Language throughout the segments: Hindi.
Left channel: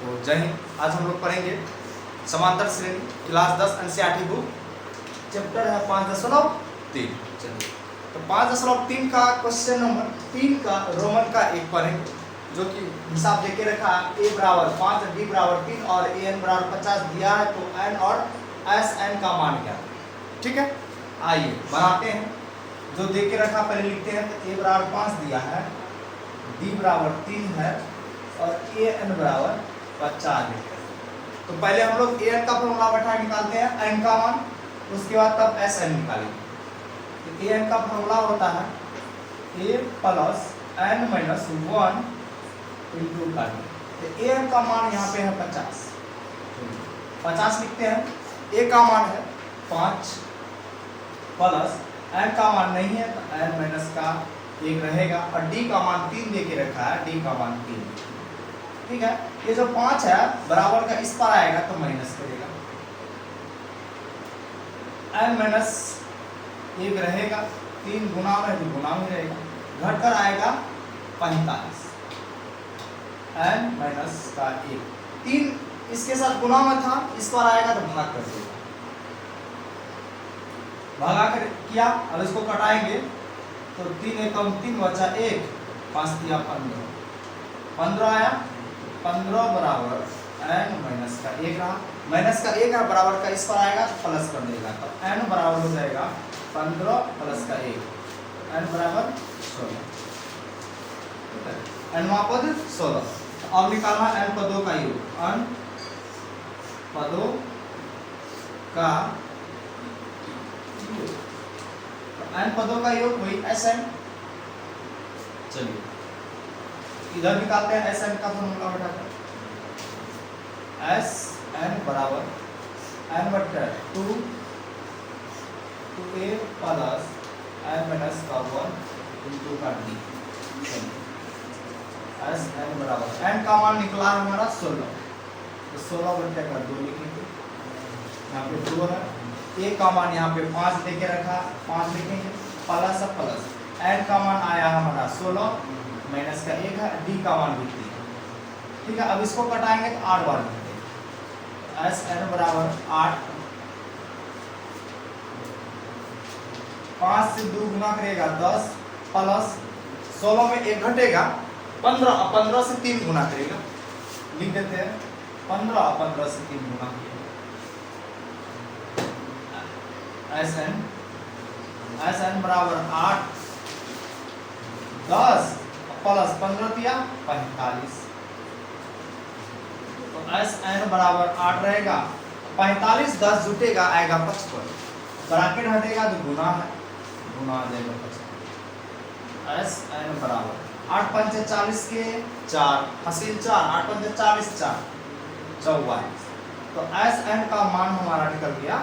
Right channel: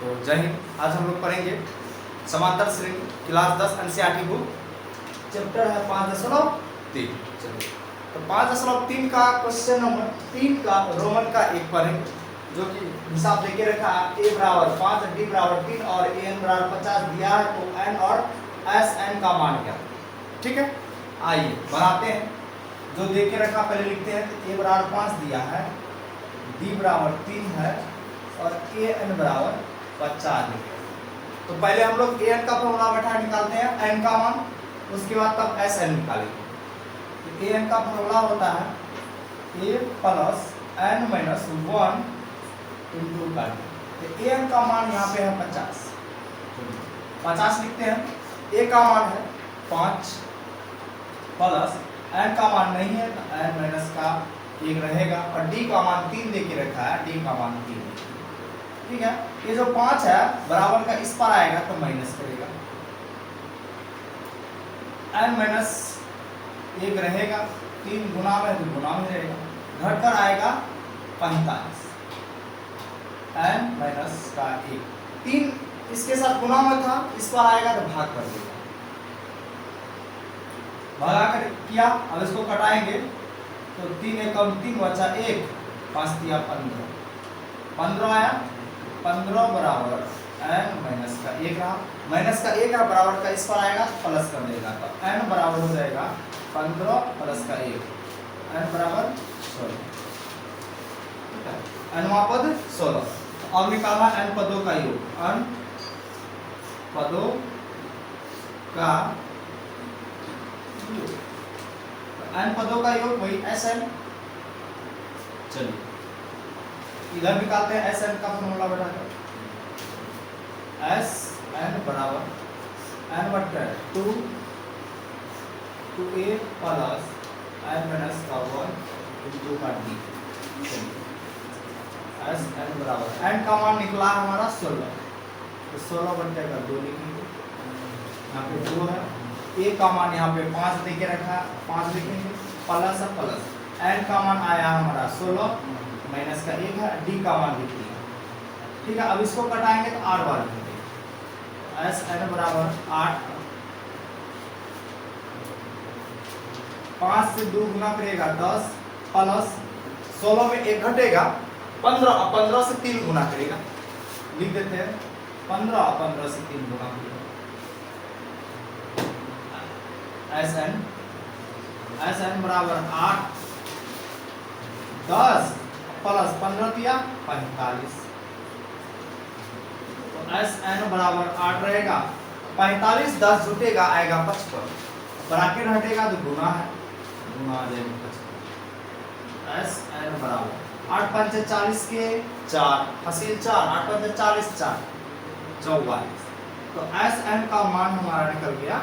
तो जय हिंद। आज हम लोग पढ़ेंगे समांतर श्रेणी क्लास 10 एनसीईआरटी बुक, चैप्टर है 5.3। चलिए तो 5.3 का क्वेश्चन नंबर 3 का रोमन का एक पढ़ेंगे, जो कि हिसाब देके रखा है a बराबर 5, d बराबर 3 और an बराबर 50 दिया है। तो n और एस एन का मान क्या, ठीक है। आइए बनाते हैं। जो देके रखा पहले लिखते हैं। तो a बराबर 5 दिया है, d बराबर 3 है और an बराबर 50 है। तो पहले हम लोग an का फॉर्मूला बैठा निकालते हैं n का मान, उसके बाद तब sn निकालेंगे। तो an का फॉर्मूला होता है a plus n minus 1 into n। तो an का मान यहाँ पे है 50, 50 लिखते हैं। a का मान है 5 प्लस n का मान नहीं है तो n माइनस का 1 रहेगा और d का मान 3 देके रखा है, d का मान 3, ठीक है। ये जो 5 है बराबर का इस पर आएगा तो माइनस करेगा, n माइनस 1 रहेगा, 3 गुना में तो गुना में रहेगा, घटकर आएगा 45, n माइनस का 1, 3 इसके साथ गुना में था, इस पर आएगा तो भाग कर देगा, भागा कर किया। अब इसको कटाएंगे तो 3 एकम 3 बचा 1, 5 दिया 15, 15 आया, 15 बराबर n माइनस का 1 रहा, माइनस का 1 है बराबर का इस पर आएगा तो प्लस कर देगा, तो n बराबर हो जाएगा 15 प्लस का 1, n बराबर 16, ठीक है। nवां पद 16। तो अब निकालना n पदों का योग, n पदों का योग, n पदों का योग वही Sn। चलिए इधर निकालते हैं Sn का फॉर्मूला बैठा, Sn बराबर n बट्टा 2 2a प्लस n माइनस का 1 इंटू का d। Sn बराबर n का मान निकला है हमारा 16, तो 16 बट्टे का 2 लिखेंगे, यहाँ पे 2 है, a का मान यहाँ पे 5 देके रखा है, 5 लिखेंगे, प्लस प्लस n का मान आया हमारा 16 माइनस का 1 है, d का मान भी 3 है, ठीक है। अब इसको कटाएंगे तो 8 बार लिखेंगे, Sn बराबर 8, 5 से 2 गुना करेगा 10 प्लस 16 में 1 घटेगा 15, 15 से 3 गुना करेगा, लिख देते हैं 15, 15 से 3 गुना करेगा। Sn बराबर 8, 10 प्लस 15 दिया 45, तो Sn बराबर 8 रहेगा, 45 10 जुटेगा आएगा 55, ब्रैकेट हटेगा तो गुना है, गुना आ जाएगा 55। Sn बराबर 8 पंचे 40 के 4 हासिल 4, 8 पंचे 40 4 44, तो Sn का मान हमारा निकल गया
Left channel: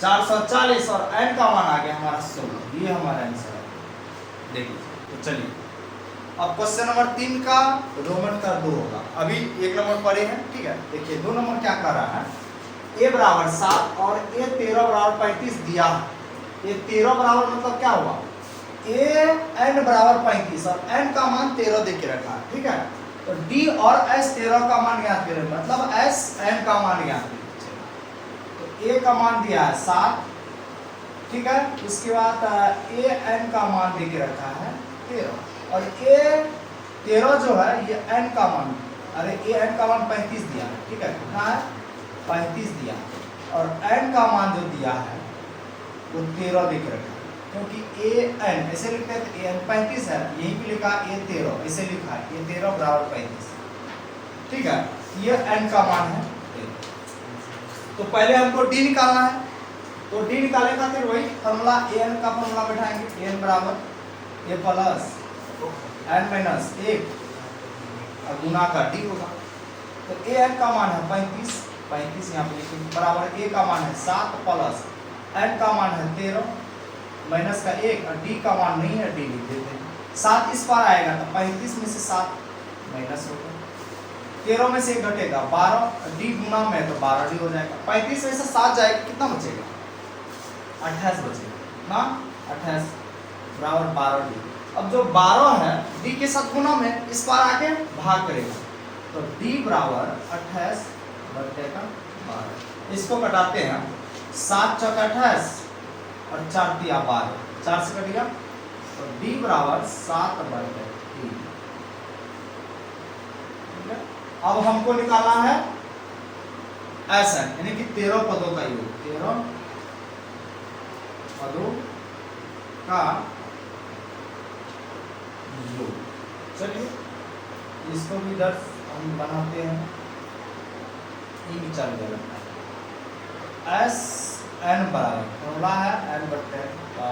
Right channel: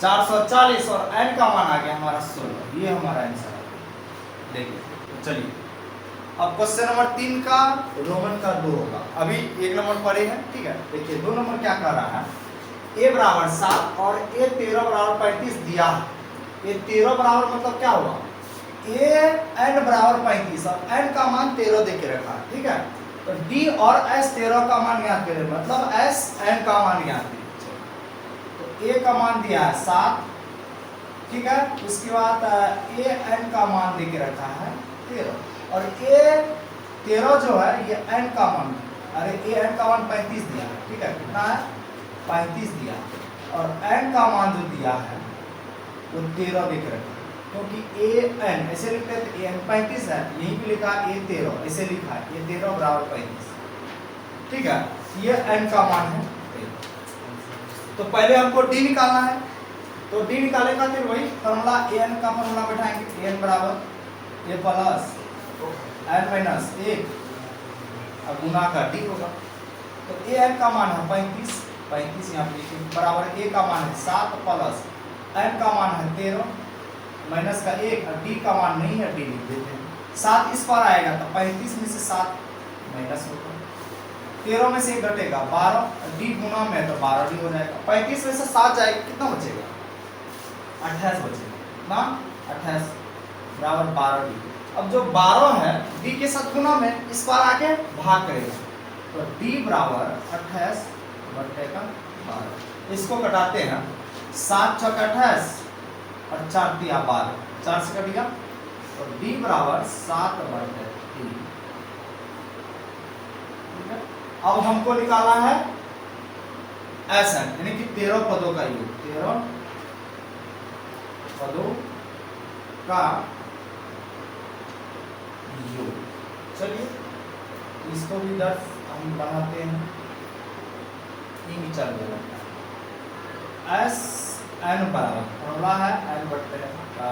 440 और n का मान आ गया हमारा 16। ये हमारा आंसर है। देखिए तो चलिए अब क्वेश्चन नंबर 3 का रोमन का 2 होगा। अभी 1 नंबर पढ़े हैं, ठीक है। देखिए 2 नंबर क्या कर रहा है, a बराबर 7 और a 13 बराबर 35 दिया है। ये 13 बराबर मतलब क्या हुआ, a n बराबर 35 और n का मान 13 देके रखा है, ठीक है। तो d और s 13 का मान यहाँ पे मतलब s n का मान यहाँ पे, तो a का मान दिया है 7, ठीक है। उसके बाद a n का मान देके रखा है 13 और a 13 जो है ये n का मान, अरे a n का मान 35 दिया है, ठीक है। कितना है 35 दिया, और n का मान जो दिया है वो 13 देख रखा है, क्योंकि a n ऐसे लिखते हैं तो a n 35 है, यहीं पे लिखा a 13 ऐसे लिखा है, ये 13 बराबर 35, ठीक है। ये n का मान है 13। तो पहले हमको d निकालना है, तो d निकालने का फिर वही फॉर्मूला an का फॉर्मूला बैठाएंगे, an बराबर a प्लस n माइनस 1 और गुना का d होगा। तो an का मान है 35, 35 यहाँ पे लिखेंगे, बराबर a का मान है 7 प्लस n का मान है 13 माइनस का 1 और d का मान नहीं है, d लिख देते हैं। 7 इस पर आएगा तो 35 में से 7 माइनस होगा, 13 में से 1 घटेगा 12, d गुना में तो 12d हो जाएगा, 35 में से 7 जाएगा, कितना बचेगा 28 बचेगा ना, 28 बराबर 12d। अब जो 12 है d के साथ गुना में इस पर आके भाग करेगा, तो d बराबर 28 बट्टे का 12। इसको कटाते हैं, 7 चौक 28 और 4 तिया 12, 4 से कट गया तो d बराबर 7 बट्टे 3। अब हमको निकालना है ऐसा, यानी कि 13 पदों का योग, 13 पदों का योग। चलिए इसको भी इधर हम बनाते हैं, चल देगा एस एन बराबर फॉर्मूला है एन बट्टे का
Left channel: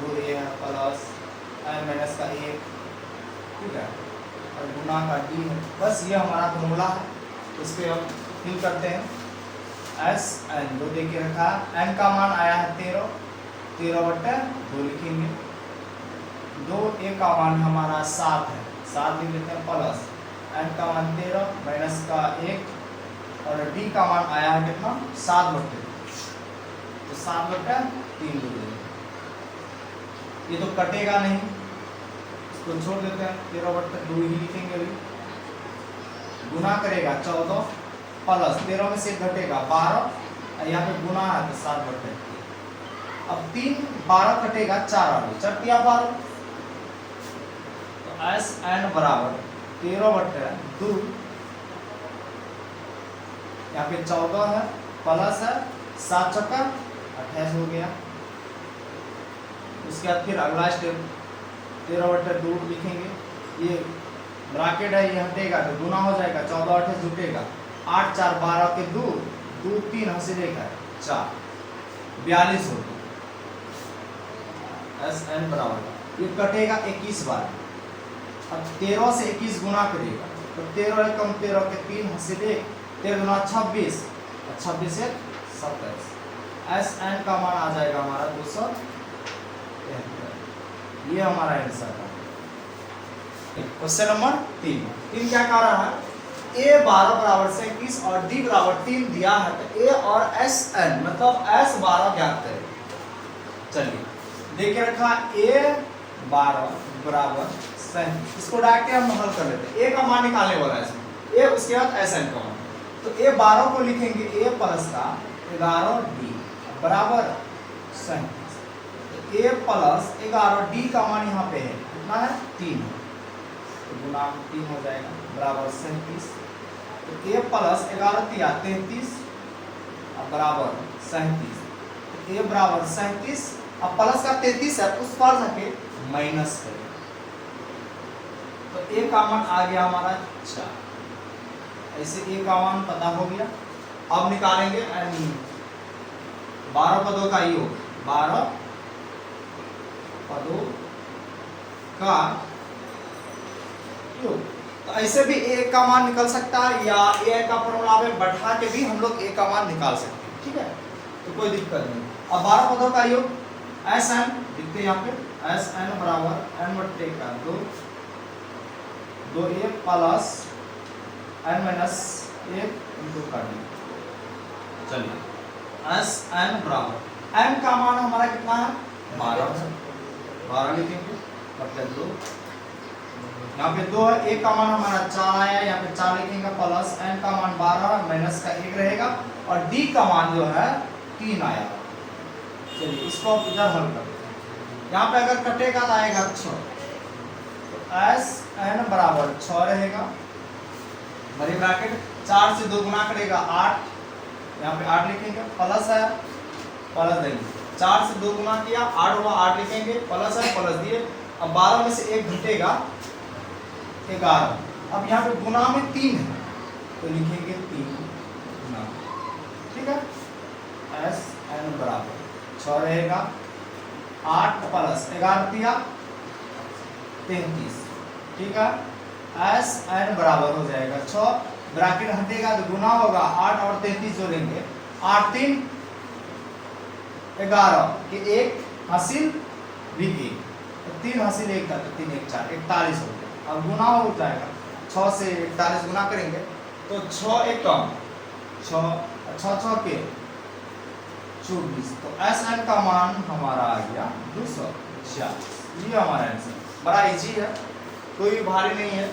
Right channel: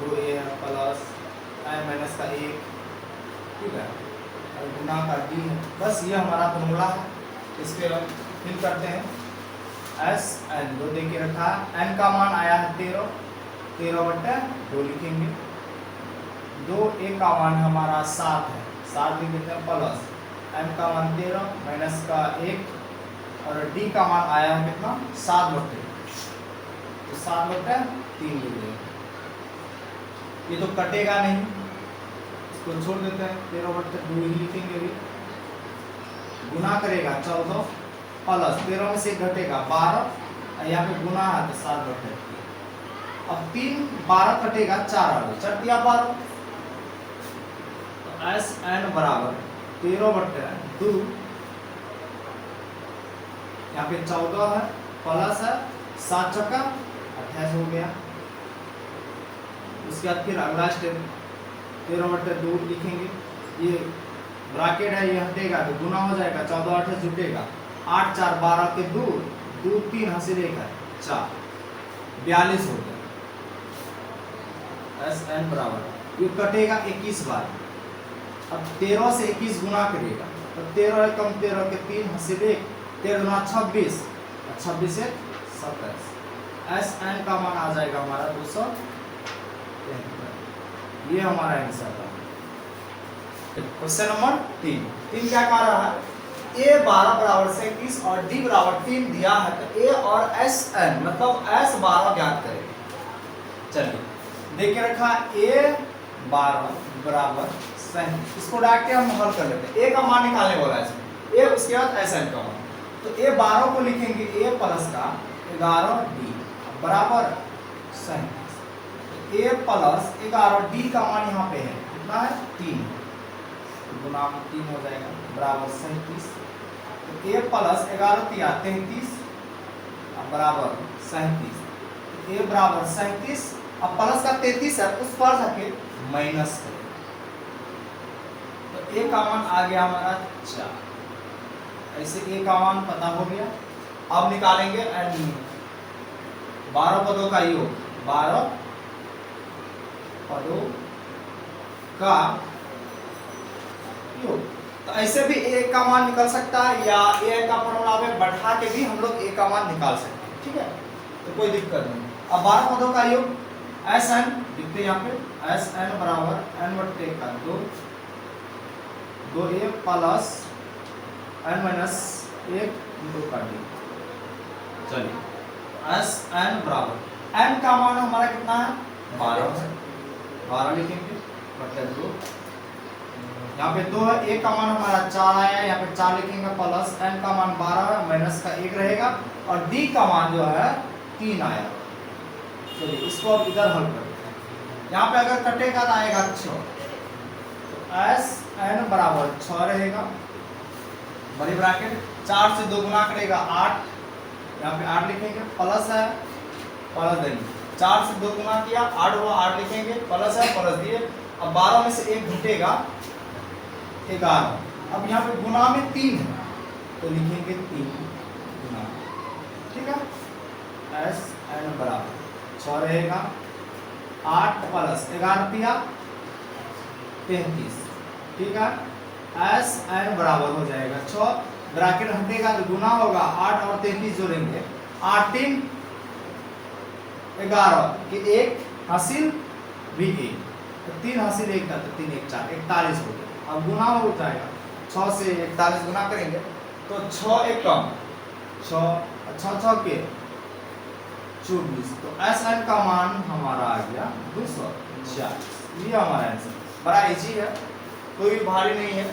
2 ए है प्लस एन माइनस का 1, ठीक है, और गुना का डी है। बस ये हमारा फॉर्मूला है, इसके हम फिल करते हैं। एस एन 2 दे के रखा है, एन का मान आया है 13, 13 बट्टे 2 लिखेंगे, 2 ए का मान हमारा 7 है, 7 लिख लेते हैं प्लस एन का मान 13 माइनस का 1 और डी का मान आया है कितना 7 बट्टे, तो 7 बट्टे 3 लिख देंगे। ये तो कटेगा नहीं, इसको छोड़ देते हैं, 13 बट्टे 2 ही लिखेंगे। अभी गुना करेगा 14 प्लस 13 में से घटेगा 12, यहाँ पे गुना है तो 7 बट्टे। अब 3 12 कटेगा 4 आ गए, 4 तिया 12, तो एस एन बराबर 13 बट्टे 2, यहाँ पे 14 है प्लस है 7 चौका 28 हो गया। उसके बाद फिर अगला स्टेप 13 बट्टे 2 लिखेंगे, ये ब्रैकेट है ये हटेगा तो गुना हो जाएगा, 14 28 जुटेगा, 8 4 12 के 2 2 3 हंसी रेखा 4 42 हो गया। एस एन बराबर ये कटेगा 21 बार। अब 13 से 21 गुना करेगा तो 13 है कम 13 के 3 हंसी रेख, 13 गुना 26 और 26 से 27। एस एन का मान आ जाएगा हमारा 273। ये हमारा आंसर था। क्वेश्चन नंबर 3 क्या कह रहा है, ए 12 बराबर से 21 और डी बराबर 3 दिया है, तो ए और एस एन मतलब एस 12 ज्ञात करें। चलिए देखिए रखा ए 12 बराबर 37, इसको डायरेक्ट हम हल कर लेते हैं, ए का मान निकालने वाला है इसमें, ए उसके बाद एस एन का मान, तो ए 12 को लिखेंगे ए प्लस का 11 डी बराबर 37, ए प्लस 11 डी का मान यहाँ पे है कितना है 3, तो गुना 3 हो जाएगा बराबर 37, तो ए प्लस 11 तिया 33 बराबर 37, तो ए बराबर 37, अब प्लस का 33 है उस पर जाके माइनस करेगा, तो ए का मान आ गया हमारा 4। ऐसे ए का मान पता हो गया। अब निकालेंगे 12 पदों का योग, 12 पदों का योग, तो ऐसे भी ए का मान निकल सकता है या ए का फॉर्मूला में बढ़ा के भी हम लोग ए का मान निकाल सकते हैं, ठीक है, तो कोई दिक्कत नहीं। अब 12 पदों का योग एस एन लिखते यहाँ पे, एस एन बराबर एन बट्टे का 2 ए प्लस एन माइनस 1 इंटू का डी। चलिए एस एन बराबर एन का मान हमारा कितना है 12 लिखेंगे बट्टे 2, यहाँ पे 2 है, ए का मान हमारा 4 आया, यहाँ पे 4 लिखेंगे प्लस एन का मान 12 है माइनस का 1 रहेगा और डी का मान जो है 3 आया। चलिए इसको अब इधर हल करते हैं, यहाँ पे अगर कटेगा तो आएगा 6, तो एस एन बराबर 6 रहेगा, बड़ी ब्रैकेट 4 से 2 गुना करेगा 8, यहाँ पे 8 लिखेंगे प्लस है प्लस देंगे, 4 से 2 गुना किया 8 हुआ 8 लिखेंगे प्लस है प्लस दिए। अब 12 में से 1 घटेगा 11, अब यहाँ पे गुना में 3 है तो लिखेंगे 3 गुना, ठीक है। एस एन बराबर 6 रहेगा, 8 प्लस 11 दिया 33, ठीक है। एस एन बराबर हो जाएगा 6, ब्रैकेट हटेगा तो गुना होगा 8 और 33 जोड़ेंगे, 8 3 11 के 1 हासिल भी 1, 3 हासिल 1 था तो 3 1 4 41 हो गया। अब गुना हो जाएगा 6 से 41 गुना करेंगे तो 6 एक कम 6 6 के 24, तो एस एन का मान हमारा आ गया 246। ये हमारा आंसर बड़ा इजी है, कोई भी भारी नहीं है,